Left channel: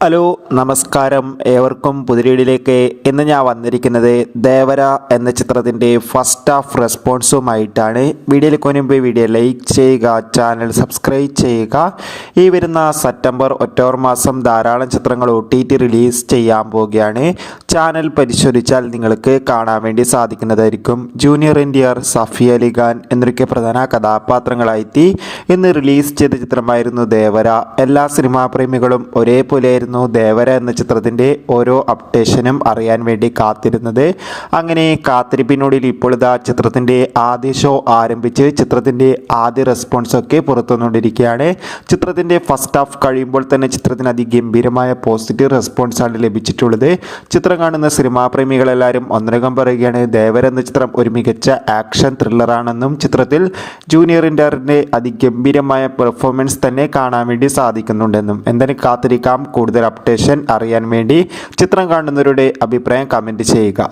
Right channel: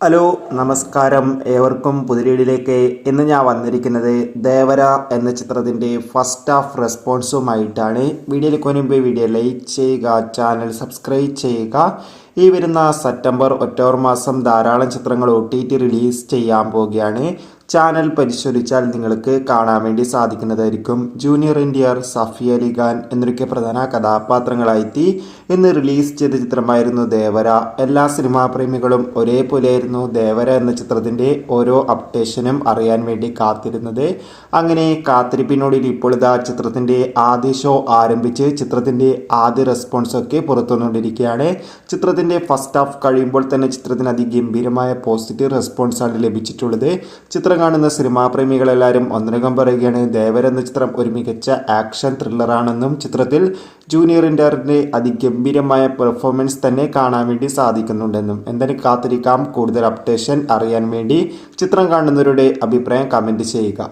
Hello നമസ്കാരം ഏവർക്കും പുതിരീടിലേക്ക് ഇന്ന് ഞാൻ വന്നിരിക്കുന്നത് ദേവര എന്ന ചിത്രത്തിൻ്റെ ഫസ്റ്റ് ഹാഫ് റെസ്പോൺസുമായിട്ടാണ്. വീഡിയോയിലേക്ക് മുൻപ് വീഡിയോ ലൈക്ക് ചെയ്യുക, ചാനൽ സബ്സ്ക്രൈബ് ചെയ്യുക. ഈ വരുന്ന സെപ്റ്റംബർ ഒക്ടോബർ മാസം ധാരാളം ചിത്രങ്ങൾ OTT റിലീസ് ചെയ്യാൻ പോവുകയാണ്. ചാനൽ പരിശോധിച്ചാൽ നിങ്ങൾക്ക് കാണാൻ വേണ്ടി സാധിക്കുന്നതായിരിക്കും. ജൂനിയർ NTR, സഫിയ അലി ഖാൻ എന്നൊക്കെ പ്രധാന കഥാപാത്രങ്ങളായിട്ട് ഇന്ന് റിലീസ് ചെയ്ത ചിത്രമായിരുന്നു ദേവര. എല്ലാ സിനിമാ പ്രേമികളും ഒരേപോലെ ദേവര എന്ന ചിത്രത്തിൻ്റെ ഓരോ അപ്ഡേഷനും അറിയാൻ വേണ്ടി കാത്തിരുന്നത്. അങ്ങനെ കാത്തിരിപ്പിനോടിൽ ഇപ്പോൾ ഇതാ ചിത്രത്തിൻ്റെ ആദ്യ ഷോ ആരംഭിച്ച് ചിത്രത്തിൻ്റെ ആദ്യ റെസ്പോൺസൊക്കെ പുറത്തുവന്നുകൊണ്ടിരിക്കുകയാണ്. ചിത്രത്തിൻ്റെ ഫസ്റ്റ് ഹാഫ് കഴിയുമ്പോൾ തന്നെ ചിത്രത്തിന് അതിഗംഭീരമായ പോസിറ്റീവ് റെസ്പോൺസാണ് ലഭിച്ചിട്ടുള്ളത്. ചിത്രം കാണുന്ന സിനിമാ പ്രേമികളെല്ലാവരും ഒന്നരകം പറയുകയാണ് ദേവര എന്ന ചിത്രം ഒരു മികച്ച ആക്ഷൻ ത്രില്ലറാണെന്നും ചിത്രത്തിൽ ജൂനിയർ NTRന്റെ അതിഗംഭീരമായ പെർഫോമൻസ് തന്നെ കാണാൻ വേണ്ടി സാധിക്കുന്നുണ്ടെന്നും. എന്തായാലും കാത്തിരിക്കാം. കൂടുതൽ അപ്ഡേഷൻ അറിയാൻ വേണ്ടി ചിത്രം കാണുന്നവരുടെ അഭിപ്രായം കമൻറ്റ് ചെയ്യുക.